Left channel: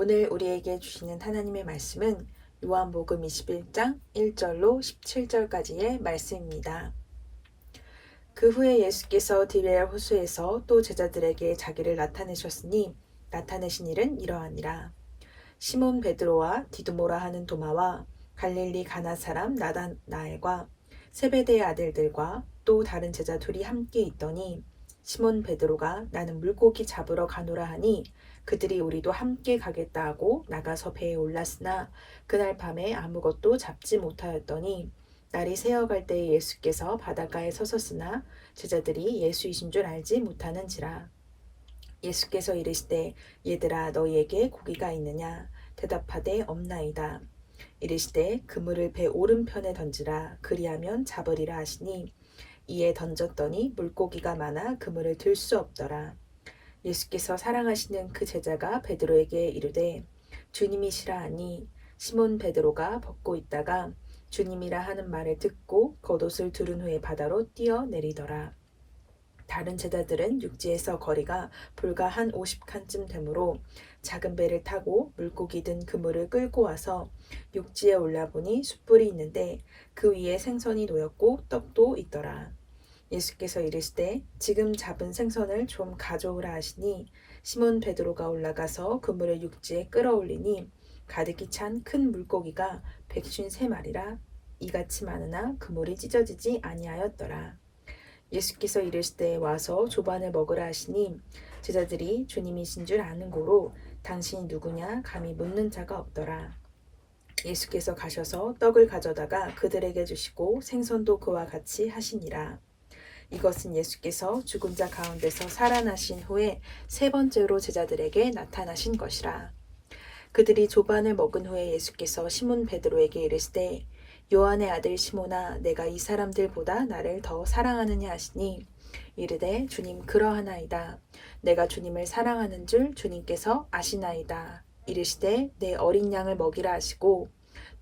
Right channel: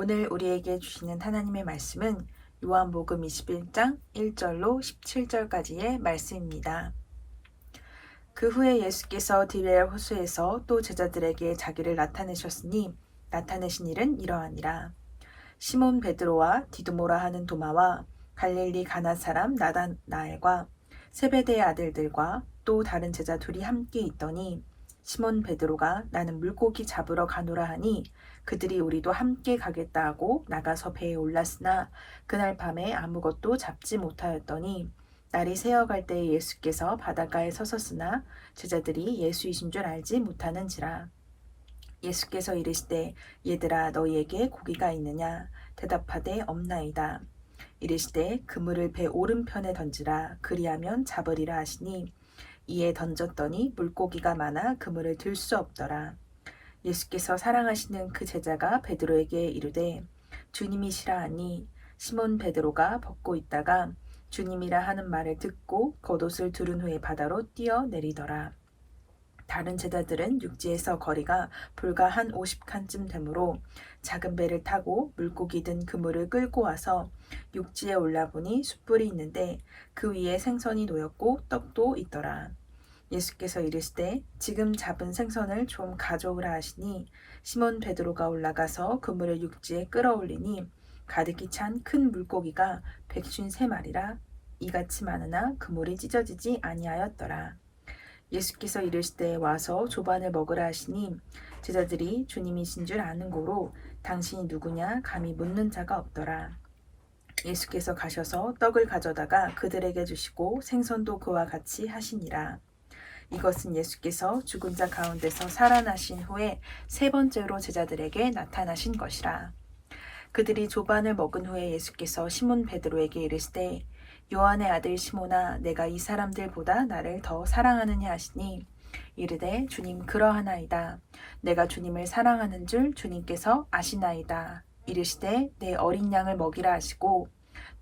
오늘 우리에게 주시는 하나님의 말씀은 요한복음 21장 1절로 17절까지의 말씀입니다. 그 후에 예수께서 디베랴 호수에서 또 제자들에게 자기를 나타내셨으니 나타내신 일은 이러하니라. 시몬 베드로와 디두모라 하는 도마와 갈릴리 가나 사람 나다나엘과 세베대의 아들들과 또 다른 제자 둘이 함께 있더니 시몬 베드로가 나는 물고기 잡으러 가노라 하니 그들이 우리도 함께 가겠다 하고 나가서 배에 올랐으나 그날 밤에 아무것도 잡지 못하였더니 날이 새어갈 때에 예수께서 바닷가에 서섰으나 제자들이 예수이신 줄 알지 못하는지라. 예수께서 이르시되 얘들아 너희에게 고기가 있느냐 대답하되 없나이다. 이르시되 그물을 배 오른편에 던지라 그리하면 잡으리라 하시니 이에 던졌더니 물고기가 많아 그물을 들 수 없더라. 예수께서 사랑하시는 그 제자가 베드로에게 이르되 주님이시라 하니 시몬 베드로가 벗고 있다가 주님이라 하는 말을 듣고 겉옷을 두른 후에 바다로 뛰어내리더라. 다른 제자들은 육지에서 거리가 불과 한 50칸쯤 되므로 작은 배를 타고 물고기 든 그물을 끌고 와서 육지에 올라보니 숯불이 있는데 그 위에 생선이 놓였고 떡도 있더라. 예수께서 이르시되 지금 잡은 생선을 좀 가져오라 하시니 시몬 베드로가 올라가서 그물을 육지에 끌어올리니 가득히 찬 큰 물고기가 153마리라 이같이 많으나 그물이 찢어지지 아니하였더라. 예수께서 이르시되 와서 조반을 먹으라 하시니 제자들이 주님이신 줄 아는 고로 당신이 누구냐 감히 묻는 자가 없더라. 예수께서 가셔서 떡을 가져다가 그들에게 주시고 생선도 그와 같이 하시니라. 이것은 예수께서 죽은 자 가운데서 살아나신 후에 세 번째로 제자들에게 나타나신 것이라. 그들이 조반을 먹은 후에 예수께서 시몬 베드로에게 이르시되 요한의 아들 시몬아 내가 이 사람들보다 나를 더 사랑하느냐 하시니 이르되 주님 그러하나이다. 내가 주님을 사랑하는 줄 주님께서 아시나이다. 이르시되 내 어린 양을 먹이라 하시고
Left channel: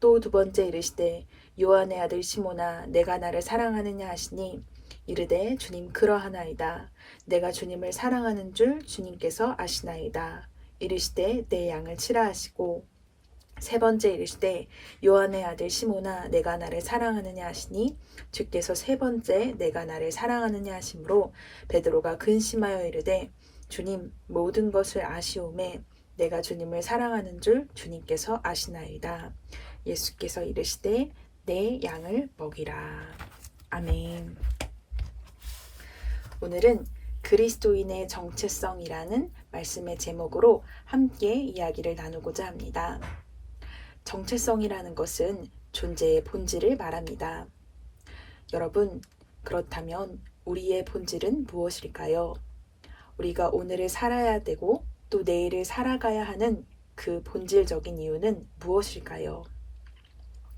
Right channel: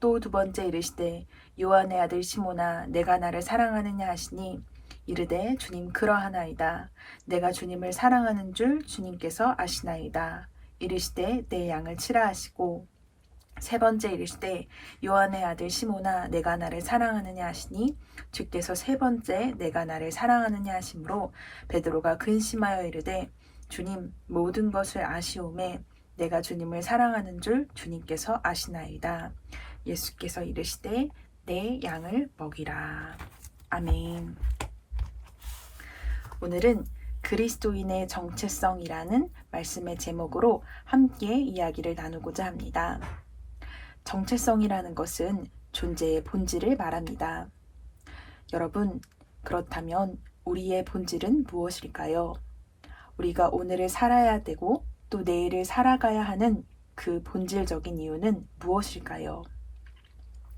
또 두 번째 이르시되 요한의 아들 시몬아 내가 나를 사랑하느냐 하시니 이르되 주님 그러하나이다. 내가 주님을 사랑하는 줄 주님께서 아시나이다. 이르시되 내 양을 치라 하시고 세 번째 이르시되 요한의 아들 시몬아 내가 나를 사랑하느냐 하시니 주께서 세 번째 내가 나를 사랑하느냐 하심으로 베드로가 근심하여 이르되 주님 모든 것을 아시오매 내가 주님을 사랑하는 줄 주님께서 아시나이다. 예수께서 이르시되 내 양을 먹이라. 아멘. 오늘은 그리스도인의 정체성이라는 말씀의 제목으로 함께 이야기를 나누고자 합니다. 정체성이라는 것은 존재의 본질을 말합니다. 여러분, 그렇다면 우리의 본질은 무엇일까요? 우리가 오늘을 살아야 되고 또 내일을 살아가야 하는 그 본질적인 이유는 무엇일까요?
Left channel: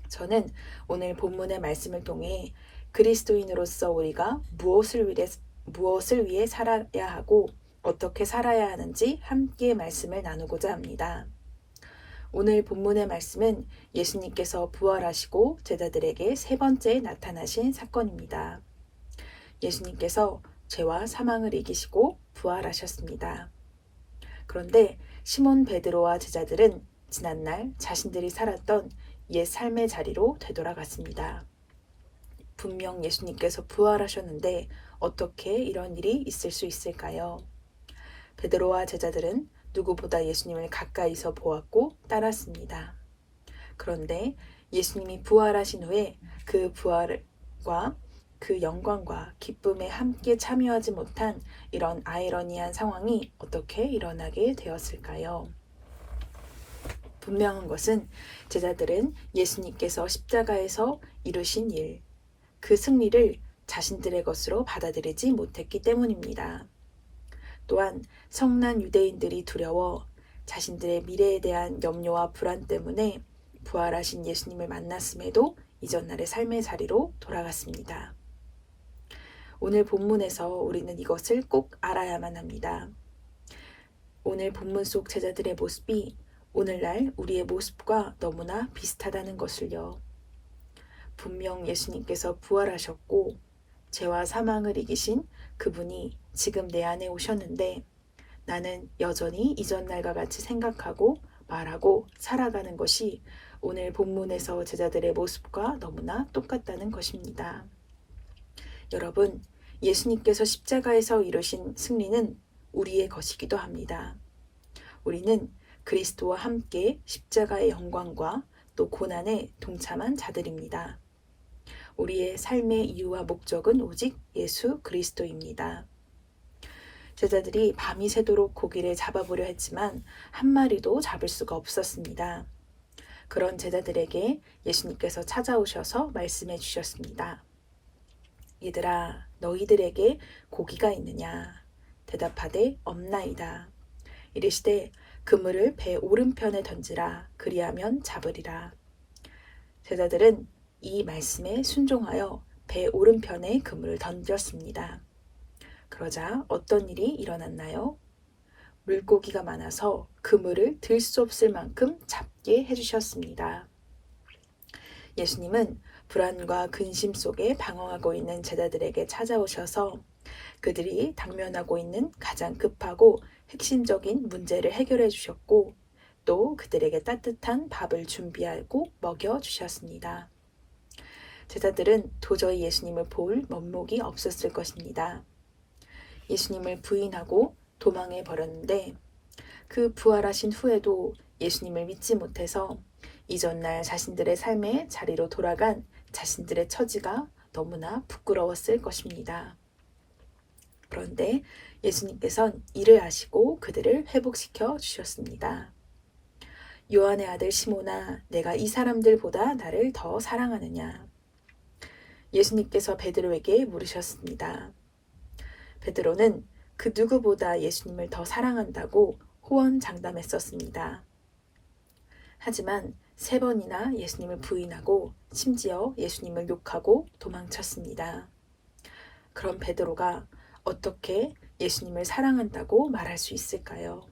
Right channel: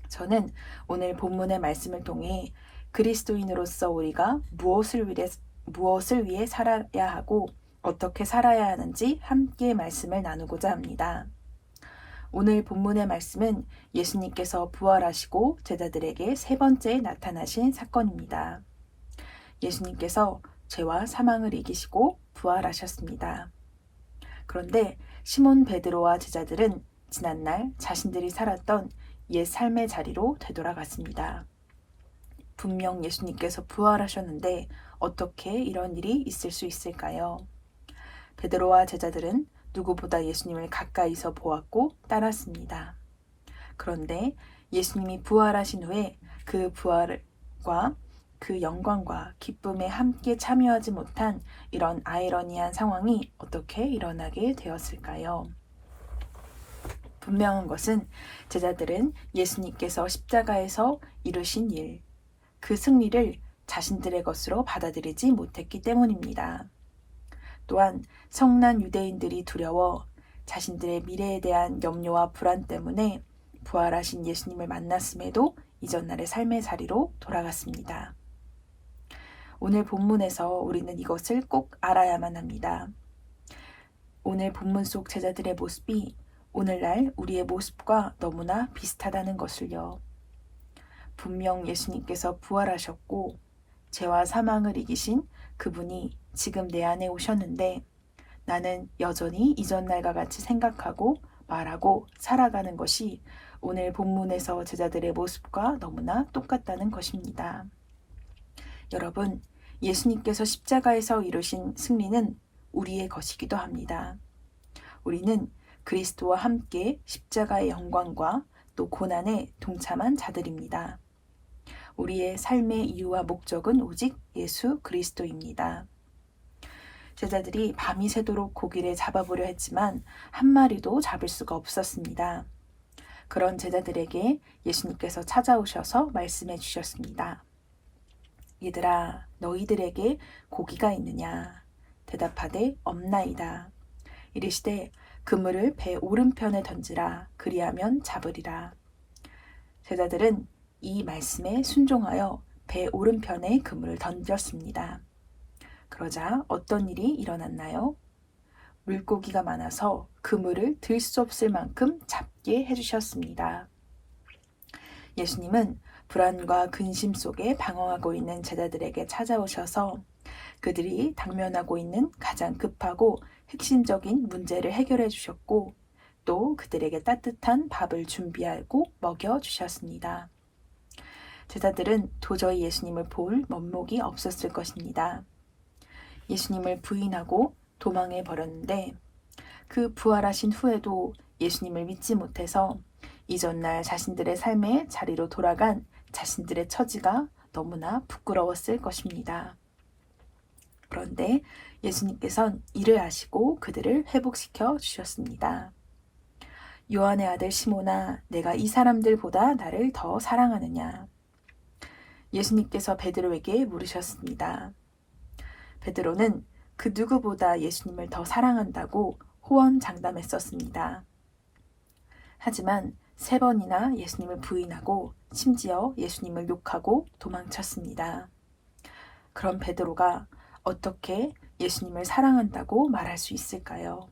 저는 오늘 본문의 말씀을 통해 그리스도인으로서 우리가 무엇을 위해 살아야 하고 어떻게 살아야 하는지 함께 말씀을 나누고자 합니다. 오늘 본문의 말씀은 예수님께서 부활하시고 제자들에게 세 번째 나타나신 사건입니다. 예수님께서 죄와 사망을 이기시고 부활하셨습니다. 그런데 시몬 베드로와 제자들은 지난날 자신들이 살았던 옛 삶의 자리로 되돌아갔습니다. 분명 예수님께서 부활하셨는데 어떻게 이런 일이 있을 수 있을까요? 베드로와 제자들은 누구보다 예수님을 가까이서 보았고 따랐습니다. 그런데 예수님이 부활하신 후에 그 부활과 그 영광과 기쁨에 함께 참여하지 못한 이런 아이러니한 상황이 어떻게 일어나게 되었을까요? 분명한 것은 제자들은 예수님께서 십자가에서 이루신 일, 그 승리를 자신들의 것으로 받아들이지 못했기 때문입니다. 또한 성난 유대인들이 두려워 자신들의 미래에 대한 염려와 불안 때문에 부활하신 예수님을 만났음에도 이전날의 삶의 자리로 돌아갔습니다. 오늘 본문에서 우리는 이것을 꼭 알아야만 합니다. 오늘 본문 속 제자들의 모습이 오늘날 우리의 모습과 너무나 비슷하다는 것을요. 분명 예수님께서 부활하셨고 죄와 사망을 이기신 그분이 지금 내 안에 오셨는데 나는 여전히 이전 날과 같이 생각하고 말하고 살아가는 것이 오늘 본문에서 제자들의 모습과 너무나 똑같다는 것입니다. 여러분, 예수님께서 십자가에서 이루신 승리는 우리의 것이기도 합니다. 우리는 그리스도와 함께 십자가의 영광과 또 고난에 동참한 자들입니다. 우리의 삶의 이유와 목적은 오직 예수 그리스도입니다. 제자들이 밤이 새도록 고기를 잡아보려 했지만 한 마리도 잡을 수가 없었습니다. 그런 제자들에게 예수님께서 찾아오셔서 말씀해 주셨습니다. 얘들아, 너희들에게 고기가 있느냐? 대답하되 없나이다. 이르시되 그물을 배 오른편에 던지라. 그리하면 잡으리라. 제자들은 이 말씀에 순종하여 배 오른편에 그물을 던졌습니다. 그러자 어떤 일이 일어났나요? 물고기가 많아서 그물을 들 수 없을 만큼 잡게 해주셨습니다. 예수님은 불안과 근심 속에 방황하고 있는 제자들에게 찾아오셔서 그들이 당면하고 있는 가장 급하고 핵심적인 문제를 해결해 주셨고 또 그들에게 따뜻한 밥을 준비하고 먹여 주셨습니다. 제자들은 도저히 예수님을 볼 면목이 없었을 것입니다. 예수님을 부인하고 도망해 버렸는데 그 부활하신 후에도 예수님을 믿지 못해서 이전날 자신들의 삶의 자리로 돌아간 자신들의 처지가 너무나 부끄러웠을 것입니다. 그런데 예수님께서는 이를 아시고 그들을 회복시켜 주셨습니다. 요한의 아들 시몬아, 내가 이 사람들보다 나를 더 사랑하느냐? 예수님께서 베드로에게 물으셨습니다. 베드로는 그 누구보다 예수님을 더 사랑한다고 호언장담했었습니다. 하지만 3번이나 예수님을 부인하고 심지어 예수님을 욕하고 도망쳤습니다. 그럼 베드로가 어떻게 예수님을 사랑한다고 말할 수 있을까요?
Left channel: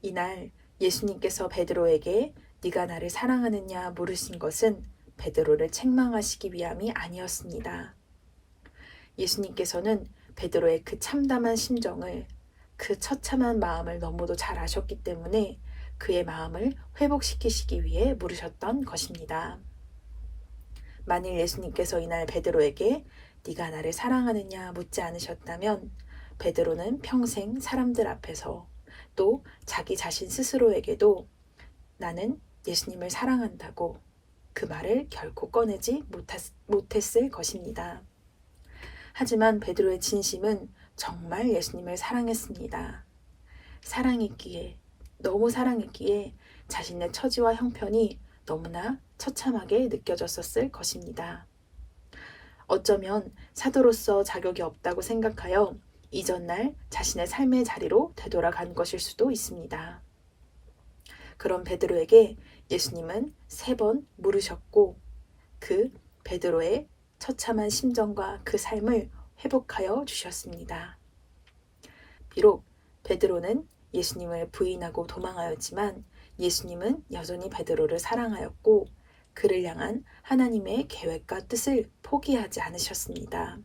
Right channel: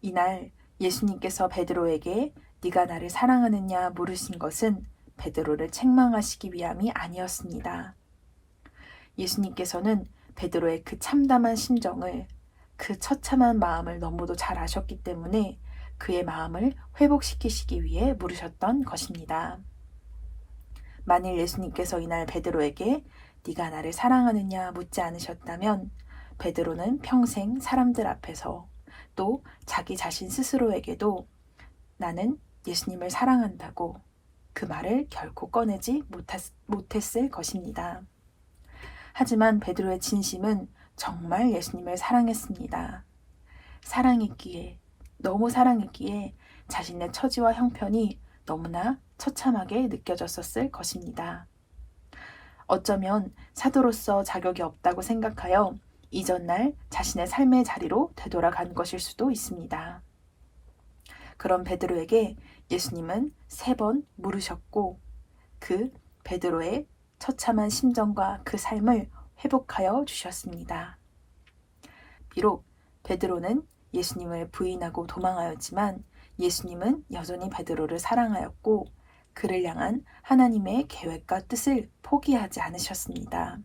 이날 예수님께서 베드로에게 네가 나를 사랑하느냐 물으신 것은 베드로를 책망하시기 위함이 아니었습니다. 예수님께서는 베드로의 그 참담한 심정을, 그 처참한 마음을 너무도 잘 아셨기 때문에 그의 마음을 회복시키시기 위해 물으셨던 것입니다. 만일 예수님께서 이날 베드로에게 네가 나를 사랑하느냐 묻지 않으셨다면 베드로는 평생 사람들 앞에서 또 자기 자신 스스로에게도 나는 예수님을 사랑한다고 그 말을 결코 꺼내지 못했을 것입니다. 하지만 베드로의 진심은 정말 예수님을 사랑했습니다. 사랑했기에, 너무 사랑했기에 자신의 처지와 형편이 너무나 처참하게 느껴졌었을 것입니다. 어쩌면 사도로서 자격이 없다고 생각하여 이전날 자신의 삶의 자리로 되돌아간 것일 수도 있습니다. 그런 베드로에게 예수님은 3번 물으셨고 그 베드로의 처참한 심정과 그 삶을 회복하여 주셨습니다. 비록 베드로는 예수님을 부인하고 도망하였지만 예수님은 여전히 베드로를 사랑하였고 그를 향한 하나님의 계획과 뜻을 포기하지 않으셨습니다.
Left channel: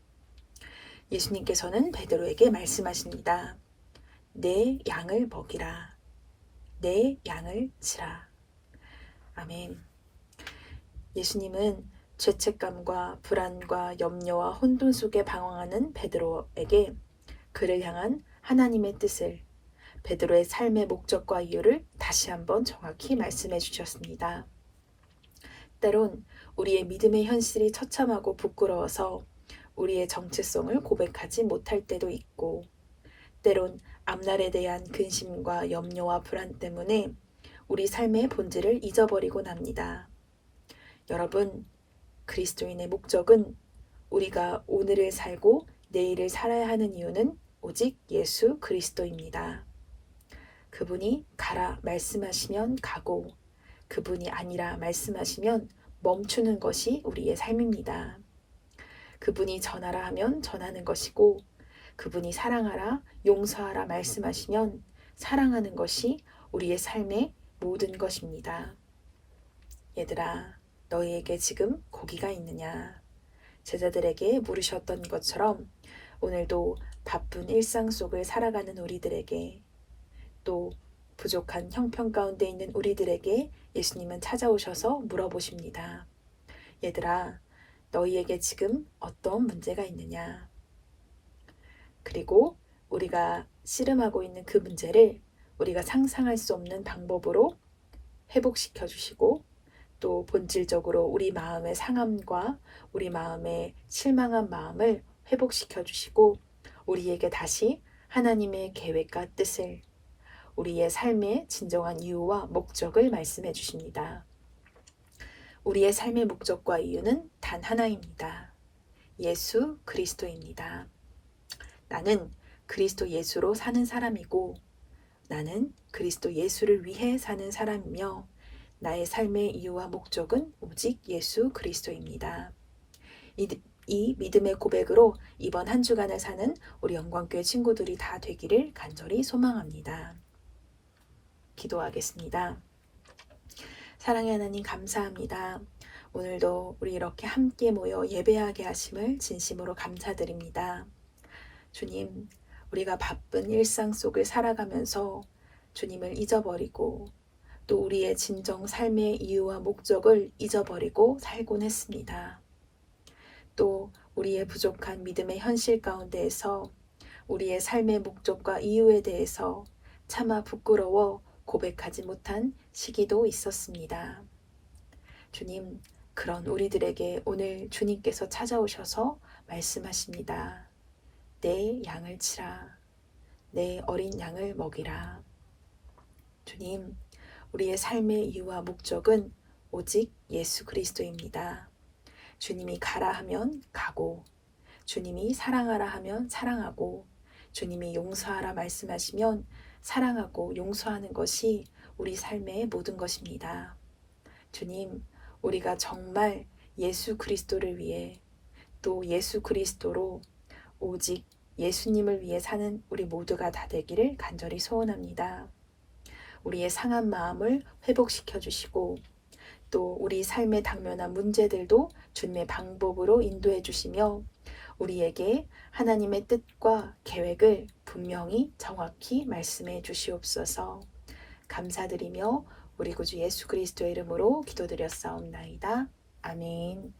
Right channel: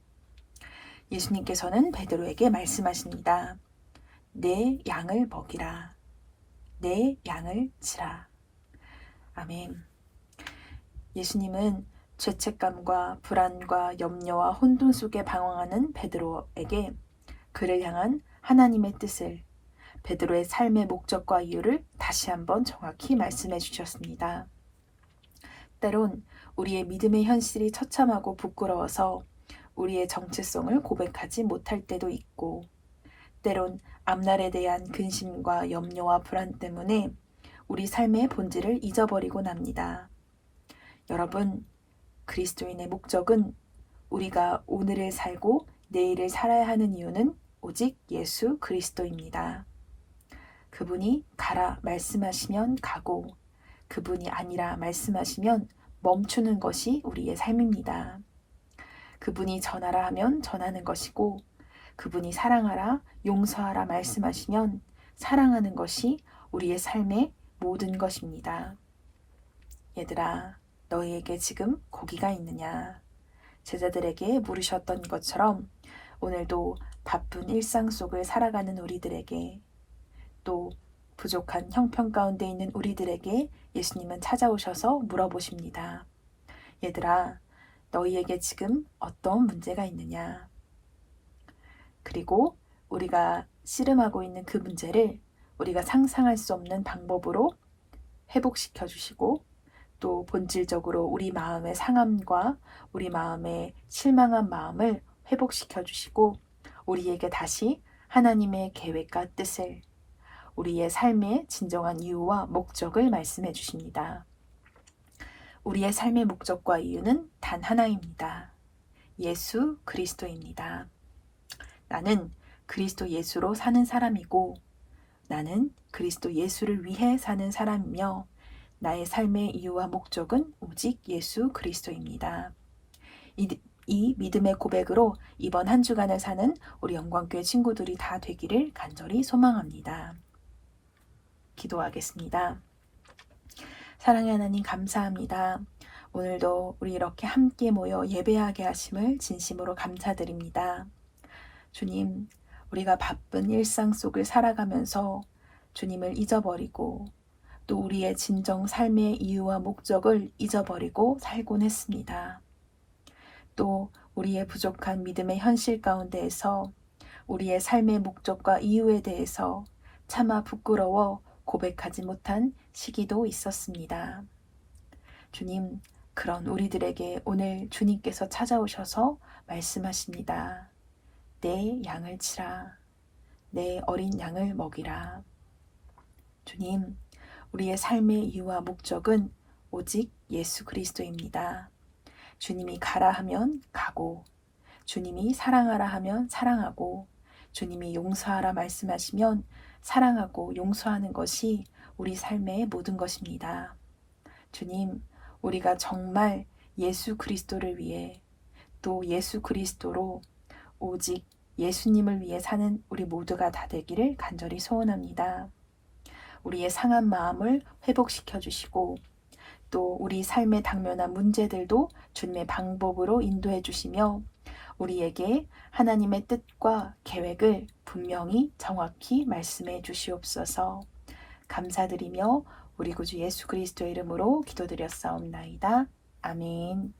예수님께서는 베드로에게 말씀하십니다. 내 양을 먹이라. 내 양을 치라. 아멘. 예수님은 죄책감과 불안과 염려와 혼돈 속에 방황하는 베드로에게 그를 향한 하나님의 뜻을, 베드로의 삶의 목적과 이유를 다시 한번 정확히 말씀해 주셨습니다. 때론 우리의 믿음의 현실이 처참하고 부끄러워서 우리의 정체성을 고백하지 못할 때도 있고, 때론 앞날에 대한 근심과 염려와 불안 때문에 우리 삶의 본질을 잊어버리곤 합니다. 여러분, 그리스도인의 목적은 우리가 오늘을 살고 내일을 살아야 하는 이유는 오직 예수 그리스도입니다. 그분이 가라 말씀하시면 가고 그분이 아니라 말씀하시면 멈추는 것이 우리의 삶입니다. 그분이 전하라 하면 전하는 것이고 그분이 사랑하라, 용서하라 말씀하시면 사랑하는 것이 우리의 삶의 모든 것입니다. 얘들아, 너희에게 지금 고기가 있느냐? 제자들에게 물으셨던 것처럼 오늘도 바쁜 일상 속을 살아가는 우리들에게 또 부족한 형편 가운데 있는 우리들에게 예수님은 찾아오셔서 물어보십니다. 얘들아, 너희에게 지금 어떤 문제가 있느냐? 그리고 우리가 씨름하고 있는 그 문제를 우리가 상상할 수 없는 방법으로 회복시켜 주시고, 또 본질적으로 우리 마음의 상함과 우리 마음의 실망한 마음을 회복시켜 주시고, 우리에게 다시 하나님의 계획과 뜻을, 우리의 삶의 진정한 이유와 목적을 말씀해 주십니다. 우리의 삶의 목적과 이유는 단 하나입니다. 예수 그리스도입니다. 나는 그리스도 예수로 사는 사람이고, 나는 그리스도 예수를 위해 사는 사람이며, 나의 삶의 이유와 목적은 오직 예수 그리스도입니다. 이 믿음의 고백으로 이번 한 주간을 사는 우리 영광교회 친구들이 다 되기를 간절히 소망합니다. 기도하겠습니다. 사랑의 하나님, 감사합니다. 오늘도 우리 이렇게 함께 모여 예배하게 하심을 진심으로 감사드립니다. 주님, 우리가 바쁜 일상 속을 살아가면서 주님을 잊어버리고, 또 우리의 진정 삶의 이유와 목적을 잊어버리고 살곤 했습니다. 또 우리의 부족한 믿음의 현실 가운데에서 우리의 삶의 목적과 이유에 대해서 차마 부끄러워 고백하지 못한 시기도 있었습니다. 주님, 그런 우리들에게 오늘 주님께서 찾아오셔서 말씀하십니다. 내 양을 치라. 내 어린 양을 먹이라. 주님, 우리의 삶의 이유와 목적은 오직 예수 그리스도입니다. 주님이 가라 하면 가고, 주님이 사랑하라 하면 사랑하고, 주님이 용서하라 말씀하시면 사랑하고 용서하는 것이 우리 삶의 모든 것입니다. 주님, 우리가 정말 예수 그리스도를 위해, 또 예수 그리스도로 오직 예수님을 위해 사는 우리 모두가 다 되기를 간절히 소원합니다. 우리의 상한 마음을 회복시켜 주시고, 또 우리 삶에 당면한 문제들도 주님의 방법으로 인도해 주시며, 우리에게 하나님의 뜻과 계획을 분명히 정확히 말씀해 주시옵소서. 감사드리며 우리 구주 예수 그리스도의 이름으로 기도드렸사옵나이다. 아멘.